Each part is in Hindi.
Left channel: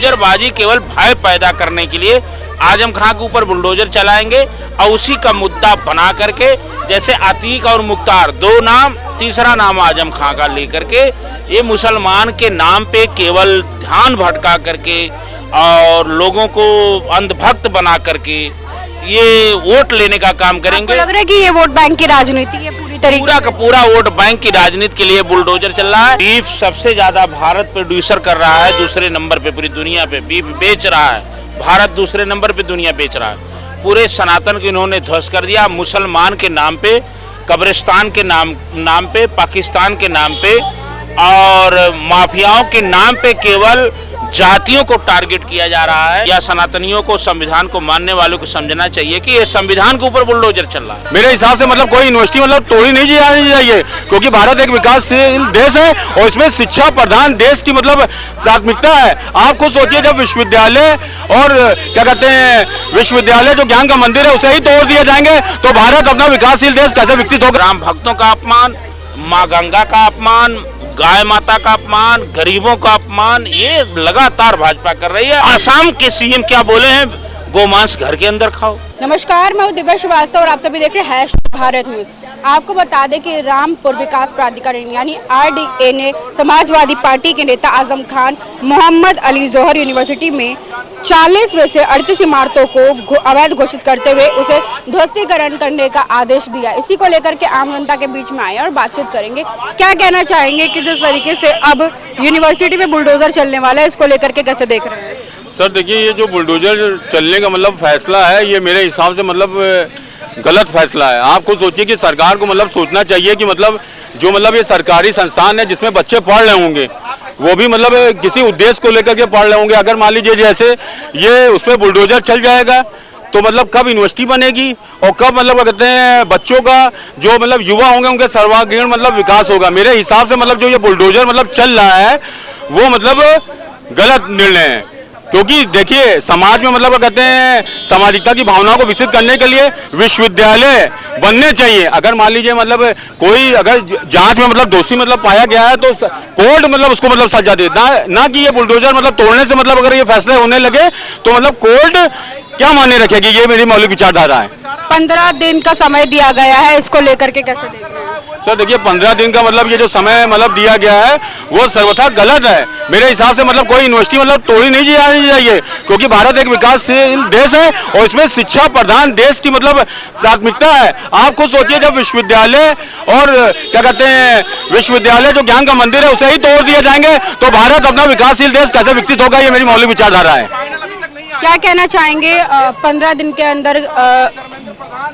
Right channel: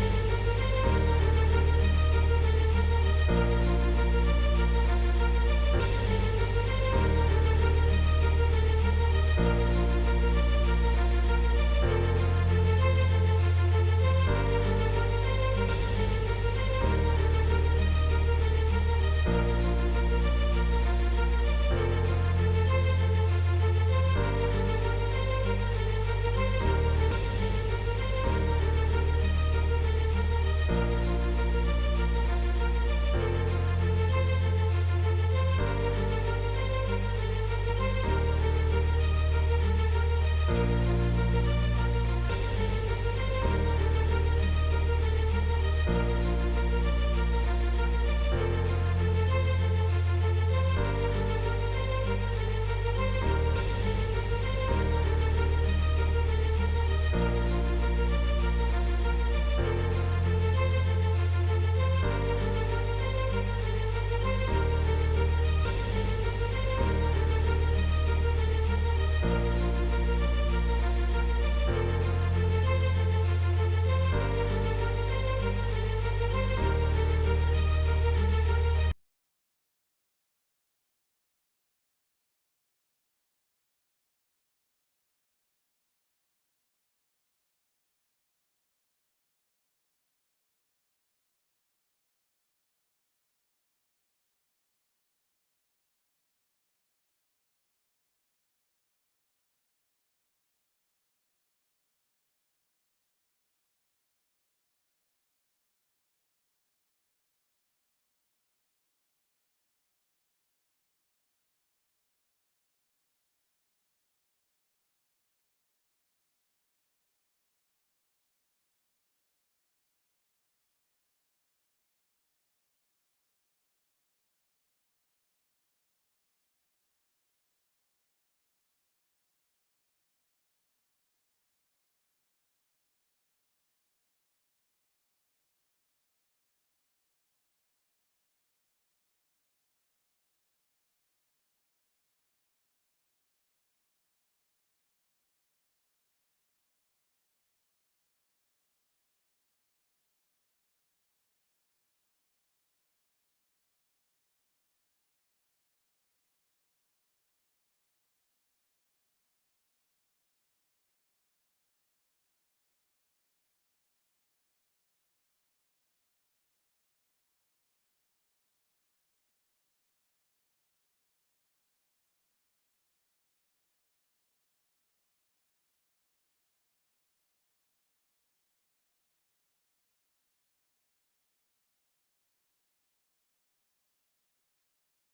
बुलडोजरबाजी केवल भय पैदा करने के लिए आजम खां के ऊपर बुलडोजर चलाएंगे और उसी का मुद्दा बना करके, जैसे अतीक और मुख्तार दो नाम, तीसरा नाम आजम खां का लेकर के ये मुसलमान के नाम पे केवल ध्यान भटका करके और लोगों को अंधभक्त बना करके ये वोट लेने का काम करेंगे। लग रहा है कि ये वोट बैंक की राजनीति है पूरी तरीके पूरा का पूरा वोट बैंक की राजनीति के लिए बुलडोजर चल रहा है। बीफ सबसे ज्यादा भारत प्रोड्यूसर कर रहा है, दूसरे नंबर पे पूरी दुनिया पे बीफ बेच रहा है। भारत दूसरे नंबर पे दुनिया बेच रहा है। पूरे सनातन को इन्होंने ध्वस्त कर दिया। मुसलमान के नाम पे, कब्रिस्तान के नाम पे, पाकिस्तान के नाम पे और माफियाओं के नाम पे केवल जातियों को टारगेट किया जा रहा है। या सनातनियों को, संविधान को मानने वालों को समझना चाहिए कि ये संविधान के ऊपर बुलडोजर चल रहा है। मेरे हिसाब से कोई यूनिवर्सिटी तोड़ी नहीं जानी चाहिए, क्योंकि भारत एक विकासशील देश है और इसमें शिक्षा प्रधान देश की प्राथमिकता है। आप खुद सोचिए, जब विश्वविद्यालय और क्या कहते हैं विश्वविद्यालय जो ज्ञान का मंदिर है उसे ही तोड़ दिए जाएंगे तो भारत अपना विकासशील देश कैसे विकसित होगा। राम भक्तों का अपमान, माँ गंगा का अपमान, गाय माता का अपमान, गरीबों का अपमान, ये लगातार भाजपा कर रही है। आसाम के सीएम क्या बोले हैं, गोमांस घर के अंदर खाओ। नमस्कार, मैं हूं दिव्या श्रीवास्तव और आप सभी देख रहे हैं #भारत न्यूज। आपको बता दें कि रामपुर विकास प्राधिकरण यानी RDA ने समाजवादी पार्टी के नेता आजम खान मोहम्मद अली जोहर यूनिवर्सिटी में 40 में से 38 इमारतों को अवैध घोषित करते हुए उसे ध्वस्तीकरण करने का आदेश दिया। इसी को लेकर के आम जनता के बीच में आए और बातचीत करेंगे। क्या कहना चाहेंगे कि जिस तरीके से अब यूनिवर्सिटी में बुलडोजर चलने वाला है, इसको लेकर के कैसे देख रहे हैं? सर देखिए, ये जो बुलडोजर चलने का फैसला है, ये मेरे हिसाब से गलत फैसला है। आप खुद सोचिए कि सरकार को सोचना चाहिए कि जो ये सरकारी संस्थान है जिसमें बच्चे पढ़ रहे होंगे, वो भी किसी उद्देश्य को लेकर के पढ़ रहे होंगे। अगर मान लीजिए जैसे ये उसमें बुलडोजर चल जाएगा तो कब यूनिवर्सिटी बनेगी और कब कहते हैं बच्चों का जो युवा होंगे उनके सर्वांगीण विकास होगा। मेरे हिसाब से जो ये बुलडोजर चल रहा है वो गलत निर्णय है, क्योंकि देखिए समाज में कहते हैं सामाजिकता की भावनाओं को विकसित करने के लिए विश्वविद्यालय बनने चाहिए। अगर मान लीजिए कोई अगर जांच में दोषी पाया गया है तो कोर्ट उसको सजा दे, ना कि ये बुलडोजर तोड़ने से अगर ये फैसले होने लगे तो कोर्ट क्या मायने रखेगी। ये मेरी मौलिक विचारधारा है। 15 दिन का समय दिया गया है, इसको लेकर के कैसे देख रहे हैं? सर देखिए, 15 दिन का ये जो समय दिया गया है वो सर्वथा गलत है। मेरे हिसाब से कोई यूनिवर्सिटी तोड़ी नहीं जानी चाहिए, क्योंकि भारत एक विकासशील देश है और इसमें शिक्षा प्रधान देश की प्राथमिकता है। आप खुद सोचिए, जब विश्वविद्यालय और क्या कहते हैं विश्वविद्यालय जो ज्ञान का मंदिर है उसे ही तोड़ दिए जाएंगे तो भारत अपना विकासशील देश कैसे विकसित होगा। ये मेरी मौलिक विचारधारा है। क्या कहना चाहेंगे, 15 दिन के अंदर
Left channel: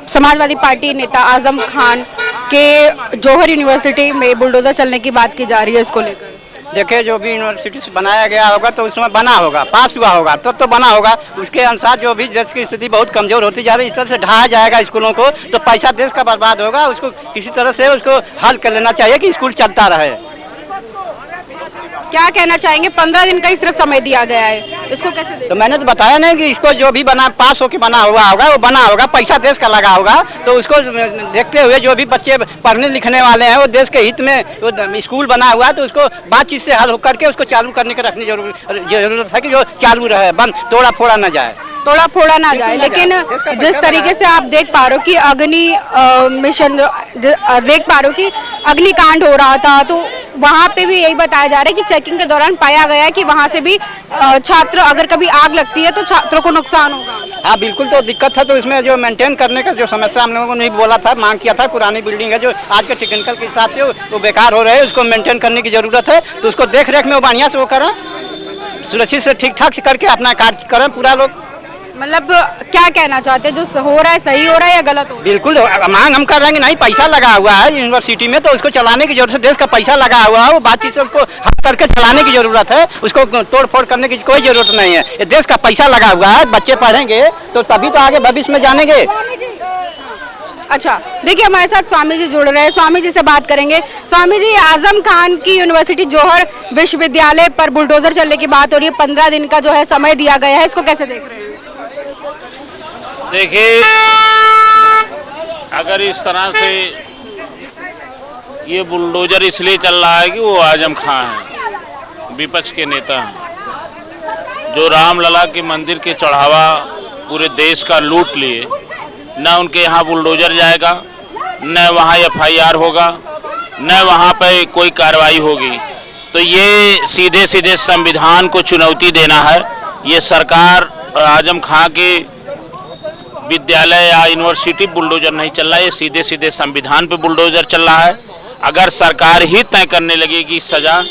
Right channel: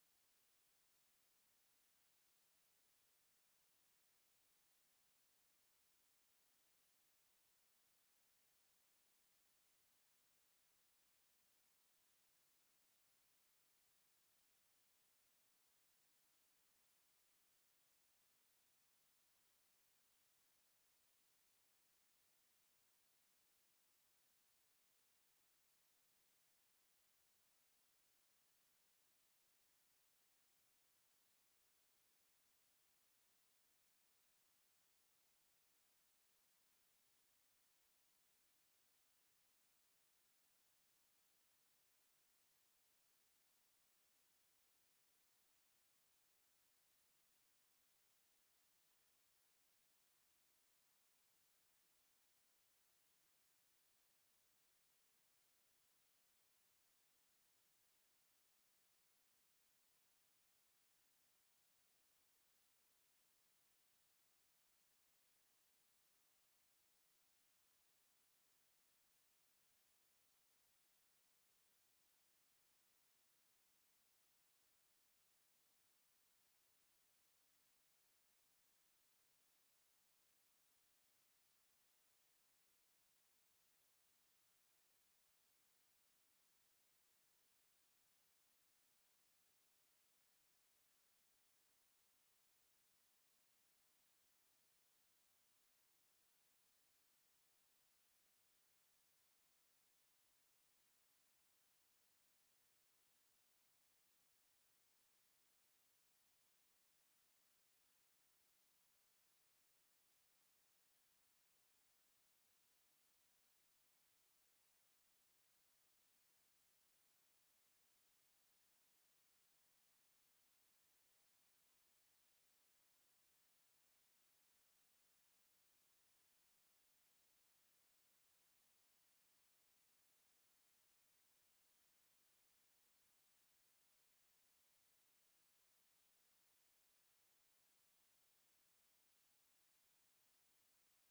समाजवादी पार्टी नेता आजम खान के जौहर यूनिवर्सिटी में बुलडोजर चलने की बात की जा रही है, इसको लेकर? देखिए, जो भी यूनिवर्सिटी से बनाया गया होगा तो उसमें बना होगा, पास हुआ होगा तब तो बना होगा। उसके अनुसार जो भी देश की स्थिति बहुत कमजोर होती जा रही है, इस तरह से ढाया जाएगा स्कूलों को तो पैसा देश का बर्बाद होगा। उसको किसी तरह से उसको हल कर लेना चाहिए कि स्कूल चलता रहे। क्या कहना चाहेंगे, 15 दिन का ही सिर्फ समय दिया गया है, इसको कैसे देखते? तो मैंने तो बताया नहीं कि इसको जो भी बना पास होके बना हुआ होगा वो बना होगा, पैसा देश का लगा होगा। तो उसको देखते हुए जो भी बच्चे पढ़ने लिखने वाले हैं वो देश के हित में वो स्कूल बना हुआ है तो उसको बातचीत से हल करके उसको चालू करने की रखनी जरूरत है कि जो चालू रहे, बंद तोड़ा फोड़ा न जाए। तोड़ा फोड़ा ना जाए। लेकिन जिस तरीके से आप देख पा रहे हो कि अग्निकांड हो रहा था तो वहाँ पे भी यही बताया जा रहा है कि चेकिंग के दौरान पाया गया कि वहाँ से भी छात्र अगर कभी आग लगती है तो छात्रों को नुकसान होगा। हाँ बिल्कुल, तो दिक्कत है। तो इसमें जो मेंटेन करने का जो समस्या हम लोगों ने बोला था, मांग किया था, पुरानी बिल्डिंग है जो आज के टेक्निकल के हिसाब से वो बेकार हो रहे हैं, उसको मेंटेन करने की जरूरत है। तो उसको देख रेख में वो बढ़िया से वो करें, सुरक्षित से ठीक ठाक से करके अपना कार्य करें पूरा लोग। क्या कहना चाहते हैं, जो हो रहा है सही हो रहा है या गलत हो रहा है? बिल्कुल मांग हम कर रहे हैं, नहीं पैसा लगा हुआ है यूनिवर्सिटी में तो उसको चलाने की जरूरत है। देश का पैसा लगा हुआ है, वो बातचीत से उसको हल करके चलाने की जरूरत है। उसको तोड़ फोड़ करने की कोई जरूरत नहीं है। ये देश का पैसा लगा हुआ है, बच्चे पढ़ेंगे तो तभी तो आगे भविष्य में जानेंगे। अच्छा, देखिए हमारे साथ स्वामी जी जुड़ रहे हैं, स्वामी जी से बात करेंगे। स्वामी जी, आजम खान की यूनिवर्सिटी जौहर विश्वविद्यालय पर बुलडोजर चलने की बात हो रही है, 15 दिन का जो है समय दिया गया है, इसको कैसे देख रहे हैं? देखिए, अगर इस तरह से ये बुलडोजर इसलिए चल रहा है कि वो आजम खां है, विपक्ष के नेता हैं, जो रामलला के मंदिर के चढ़ावा पूरे देश का लूट लिए, न उनके यहाँ बुलडोजर जाएगा, न वहाँ FIR होगा, न वहाँ पे कोई कार्रवाई होगी। तो ये सीधे सीधे संविधान को चुनौती देना है। ये सरकार आजम खां के विद्यालय या यूनिवर्सिटी बुलडोजर नहीं चल रहा है, ये सीधे सीधे संविधान पे बुलडोजर चल रहा है। अगर सरकार ही तय करने लगेगी सजा,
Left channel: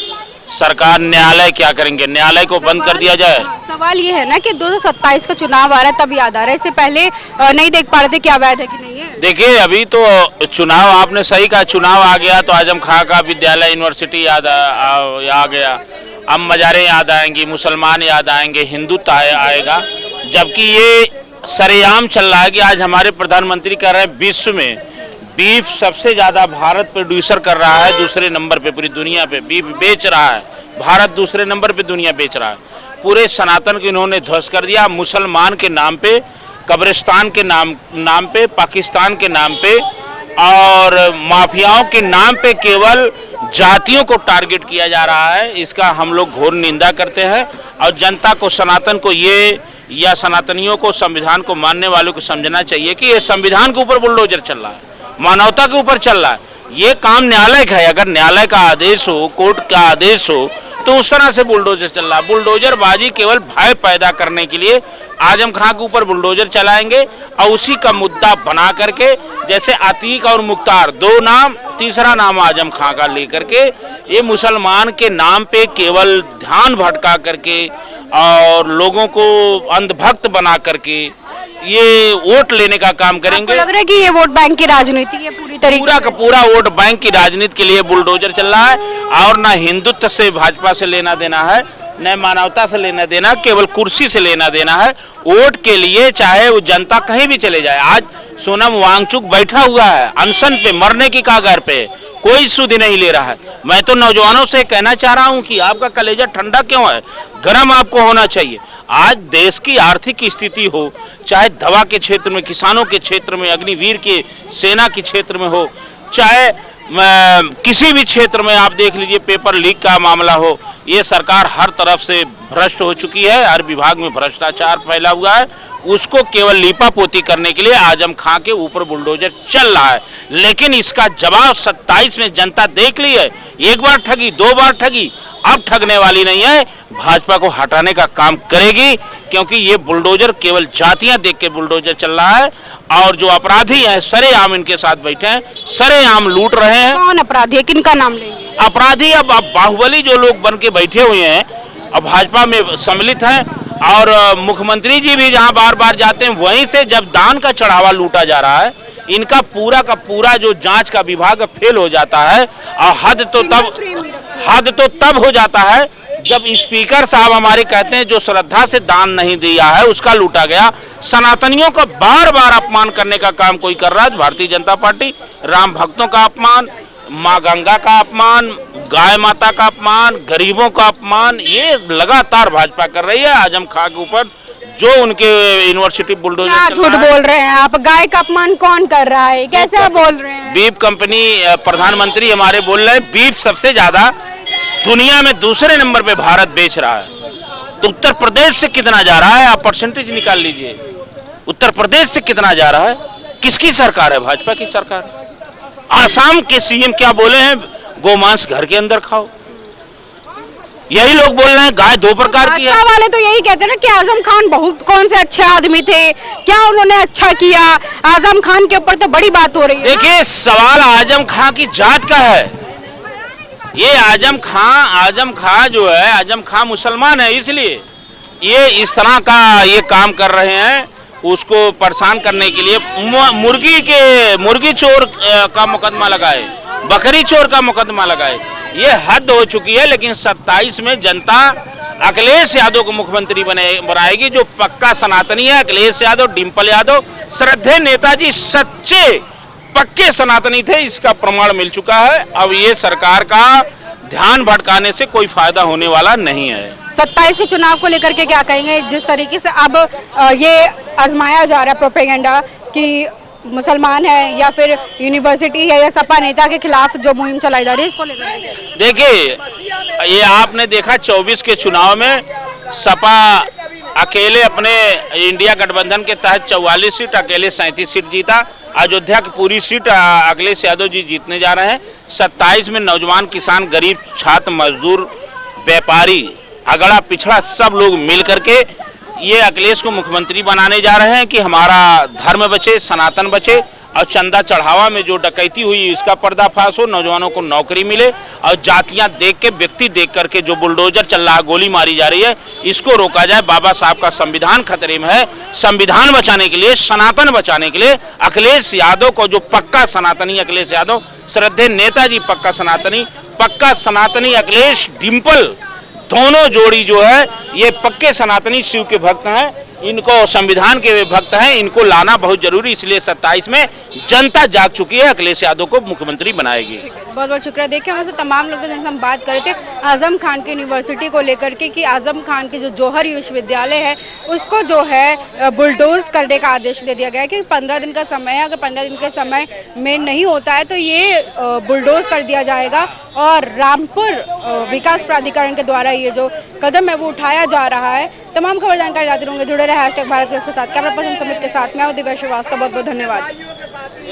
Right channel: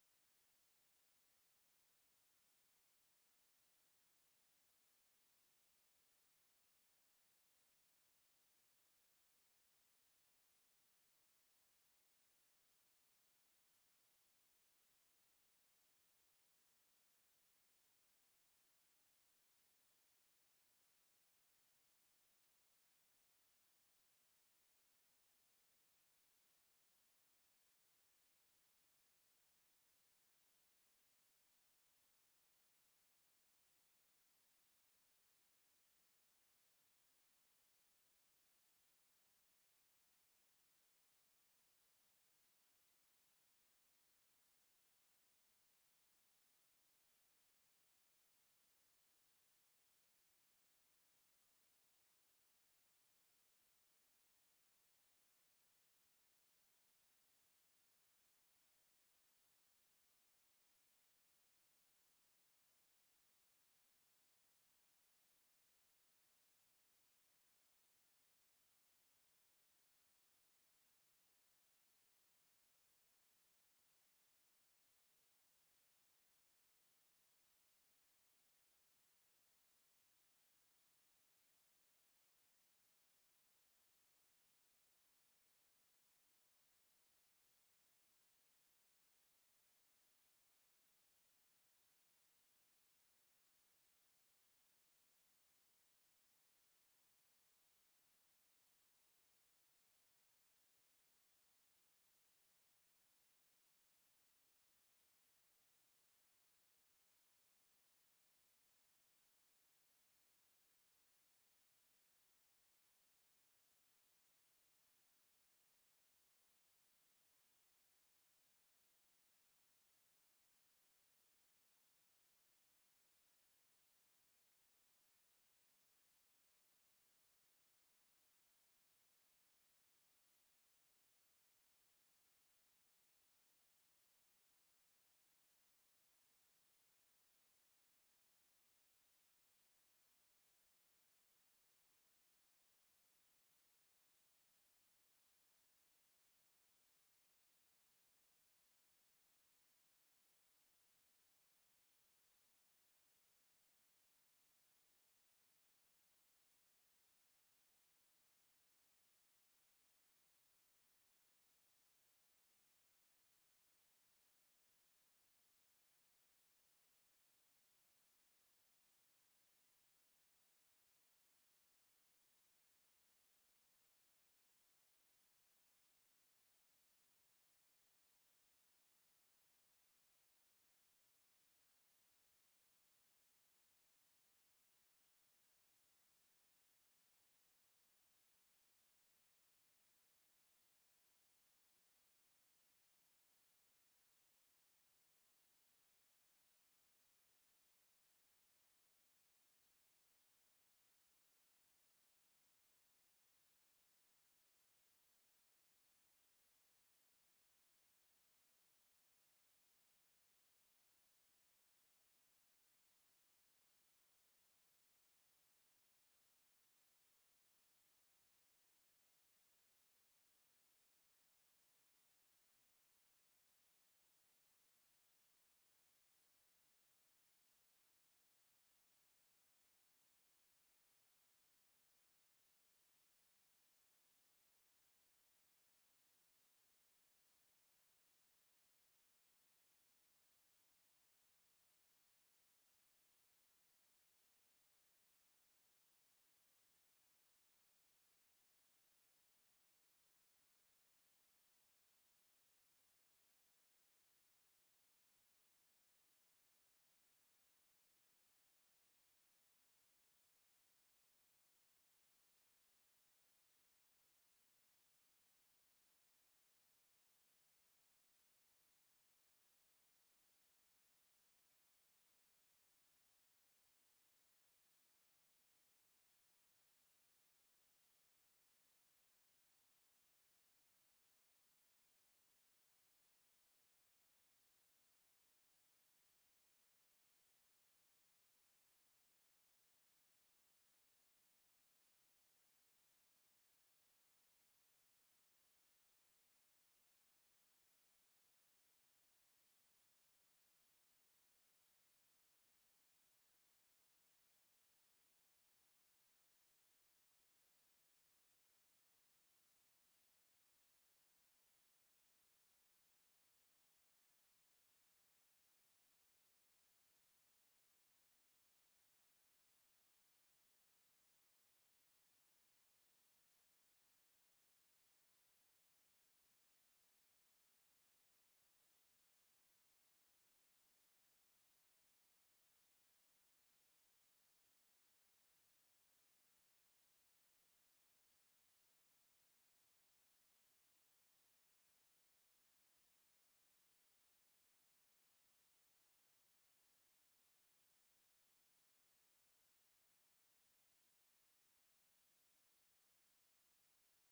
सरकार न्यायालय क्या करेंगे? न्यायालय को बंद कर दिया जाए। सवाल ये है ना कि 2027 का चुनाव आ रहा है, तब याद आ रहा है, इससे पहले नहीं देख पा रहे थे क्या वैध है कि नहीं है। देखिए अभी तो चुनाव, आपने सही कहा, चुनाव आ गया तो आजम खां का विद्यालय यूनिवर्सिटी याद आ गया। अब मज़ारें याद आएंगी, मुसलमान याद आएंगे, हिंदुत्व आएगा। जबकि ये सरेआम चल रहा है कि आज हमारे प्रधानमंत्री कह रहे हैं विश्व में बीफ सबसे ज़्यादा भारत प्रोड्यूसर कर रहा है, दूसरे नंबर पे पूरी दुनिया पे बीफ बेच रहा है। भारत दूसरे नंबर पे दुनिया बेच रहा है। पूरे सनातन को इन्होंने ध्वस्त कर दिया। मुसलमान के नाम पे, कब्रिस्तान के नाम पे, पाकिस्तान के नाम पे और माफियाओं के नाम पे केवल जातियों को टारगेट किया जा रहा है। इसका हम लोग घोर निंदा करते हैं और जनता को, सनातन को ये, या सनातनियों को, संविधान को मानने वालों को समझना चाहिए कि ये संविधान के ऊपर बुलडोजर चल रहा है, मानवता के ऊपर चल रहा है। ये काम न्यायालय का है। अगर न्यायालय का आदेश हो, कोर्ट का आदेश हो, तो उस तरह से बुलडोजर चल रहा है। बुलडोजरबाजी केवल भय पैदा करने के लिए आजम खां के ऊपर बुलडोजर चलाएंगे और उसी का मुद्दा बना करके, जैसे अतीक और मुख्तार दो नाम, तीसरा नाम आजम खां का लेकर के ये मुसलमान के नाम पे केवल ध्यान भटका करके और लोगों को अंधभक्त बना करके ये वोट लेने का काम करेंगे। लग रहा है कि ये वोट बैंक की राजनीति है पूरी तरीके पूरा का पूरा वोट बैंक की राजनीति के लिए बुलडोजर चल रहा है। और ना हिंदुत्व से, भाजपा से लेना देना है, न मानवता से लेना देना, केवल कुर्सी से लेना देना है। वोट के लिए चाहे वो जनता कहीं भी चले जाए। आज सोनम वांगचुक बैठा हुआ है अनशन पे, मरने की कगार पे, कोई सुध नहीं ले रहा है। मैं तो नौजवानों से कहना चाह रहा हूं कि आपका कलेजा ठंडा क्यों है? गर्म आपको होना चाहिए। आज देश की आर्थिक स्थिति हो, चाहे दवा के क्षेत्र में, किसानों के क्षेत्र में, अग्निवीर के सेना के क्षेत्र में हो, चाहे किसी भी क्षेत्र में आप देख लीजिए, पेपर लीक का मामला हो, ये सरकार हर तरफ से भ्रष्ट हो चुकी है। हर विभाग में भ्रष्टाचार फैला हुआ है। उसको केवल लीपापोती करने के लिए आजम खां के ऊपर बुलडोजर चल रहा है। लेकिन इसका जवाब 27 में जनता देख ली है। एक बार ठगी, दो बार ठगी, अब ठगने वाली नहीं है। भाजपा को हटाने का काम करेगी, क्योंकि ये बुलडोजर केवल जातियां देख के बुलडोजर चल रहा है। और जो अपराधी हैं सरेआम इनके साथ बैठे हैं, सरेआम लूट रहे हैं। कौन अपराधी है, किनका नाम लेंगे? अपराधी अब बाहुबली जो लोग बन के बैठे हुए हैं, अब भाजपा में सम्मिलित हैं। और मुख्यमंत्री जी भी जहां बार बार जाते हैं, वहीं से जब दान का चढ़ावा लूटा जा रहा है, इनका पूरा का पूरा जो जांच का विभाग फेल हो जाता है। और हद तो तब हो जाता है जब स्पीकर साहब हमारे कहते हैं जो श्रद्धा से दान नहीं दिया है उसका लूटा गया। सनातनियों का बार बार अपमान करने का काम कोई कर रहा है। भारतीय जनता पार्टी राम भक्तों का अपमान, माँ गंगा का अपमान, गाय माता का अपमान, गरीबों का अपमान, ये लगातार भाजपा कर रही है आजम खां के ऊपर। जो उनके यूनिवर्सिटी बुलडोजर, क्या झूठ बोल रहे हैं आप? गाय का अपमान कौन कर रहा है? कैसे आप बोल रहे हैं? बीफ कंपनी, प्रधानमंत्री हमारे बोल रहे हैं बीफ सबसे ज्यादा दुनिया में दूसरे नंबर पे भारत बेच रहा है। तो उत्तर प्रदेश से कितना जा रहा है? आप परसेंटेज निकाल लीजिए। उत्तर प्रदेश से कितना जा रहा है? किसकी सरकार है? भाजपा की सरकार। आसाम के सीएम क्या बोले हैं? गोमांस घर के अंदर खाओ। यही लोग बोल रहे हैं गाय दो प्रकार की है। भाजपा वाले तो यही कहते हैं ना कि आजम खान बहुत कौन से अच्छे आदमी थे, क्या उन्होंने अच्छा किया? आजम खान के ऊपर तो बड़ी बात हो रही है। देखिए सवाल आजम खां की जात का है। ये आजम खां जो है, आजम खां मुसलमान है, इसलिए ये इस तरह का ये काम कर रहे हैं। उसको परेशान करने के लिए मुर्गी चोर का मुकदमा लगाए, बकरी चोर का मुकदमा लगाए। ये हद हो चुकी है। लेकिन 27 में जनता अखिलेश यादव को मुख्यमंत्री बनाएगी, जो पक्का सनातनी है। अखिलेश यादव, डिंपल यादव, श्रद्धेय नेताजी सच्चे पक्के सनातनी थे, इसका प्रमाण मिल चुका है। अब ये सरकार का ध्यान भटकाने से कोई फायदा होने वाला नहीं है। 27 के चुनाव को लेकर के क्या कहेंगे? जिस तरीके से अब ये आजमाया जा रहा है प्रोपेगेंडा कि मुसलमान है या फिर यूनिवर्सिटी है या सपा नेता के खिलाफ जो मुहिम चलाई जा रही है, इसको लेकर? देखिए ये आपने देखा 24 के चुनाव में सपा अकेले अपने इंडिया गठबंधन के तहत 44 सीट, अकेले 37 सीट जीता। अयोध्या की पूरी सीट अखिलेश यादव जी जीतने जा रहे हैं। 27 में नौजवान, किसान, गरीब, छात्र, मजदूर, व्यापारी, अगड़ा पिछड़ा सब लोग मिल करके ये अखिलेश को मुख्यमंत्री बनाने जा रहे हैं कि हमारा धर्म बचे, सनातन बचे और चंदा चढ़ावा में जो डकैती हुई इसका पर्दाफाश हो, नौजवानों को नौकरी मिले और जातियां देख के, व्यक्ति देख करके जो बुलडोजर चल रहा है, गोली मारी जा रही है, इसको रोका जाए। बाबा साहब का संविधान खतरे में है। संविधान बचाने के लिए, सनातन बचाने के लिए अखिलेश यादव को, जो पक्का सनातनी अखिलेश यादव, श्रद्धेय नेताजी पक्का सनातनी अखिलेश, डिम्पल, दोनों जोड़ी जो है ये पक्के सनातनी शिव के भक्त हैं, इनको संविधान के भक्त हैं, इनको लाना बहुत जरूरी। इसलिए 27 में जनता जाग चुकी है, अखिलेश यादव को मुख्यमंत्री बनाएगी। बहुत बहुत शुक्रिया। देखिए हमसे तमाम लोग जिनसे हम बात कर रहे थे आजम खान की यूनिवर्सिटी को लेकर के कि आजम खान की जो जौहर विश्वविद्यालय है उसको जो है बुलडोज करने का आदेश दे दिया गया है कि 15 दिन का समय है, अगर 15 दिन के समय में नहीं होता है तो ये बुलडोज कर दिया जाएगा। और रामपुर विकास प्राधिकरण के द्वारा ये जो कदम है वो उठाया जा रहा है। तमाम खबर जानकारी लाते रहेंगे, जुड़े रहे #भारत के साथ। कैमरा पर्सन समित के साथ मैं दिव्या श्रीवास्तव, बहुत बहुत धन्यवाद।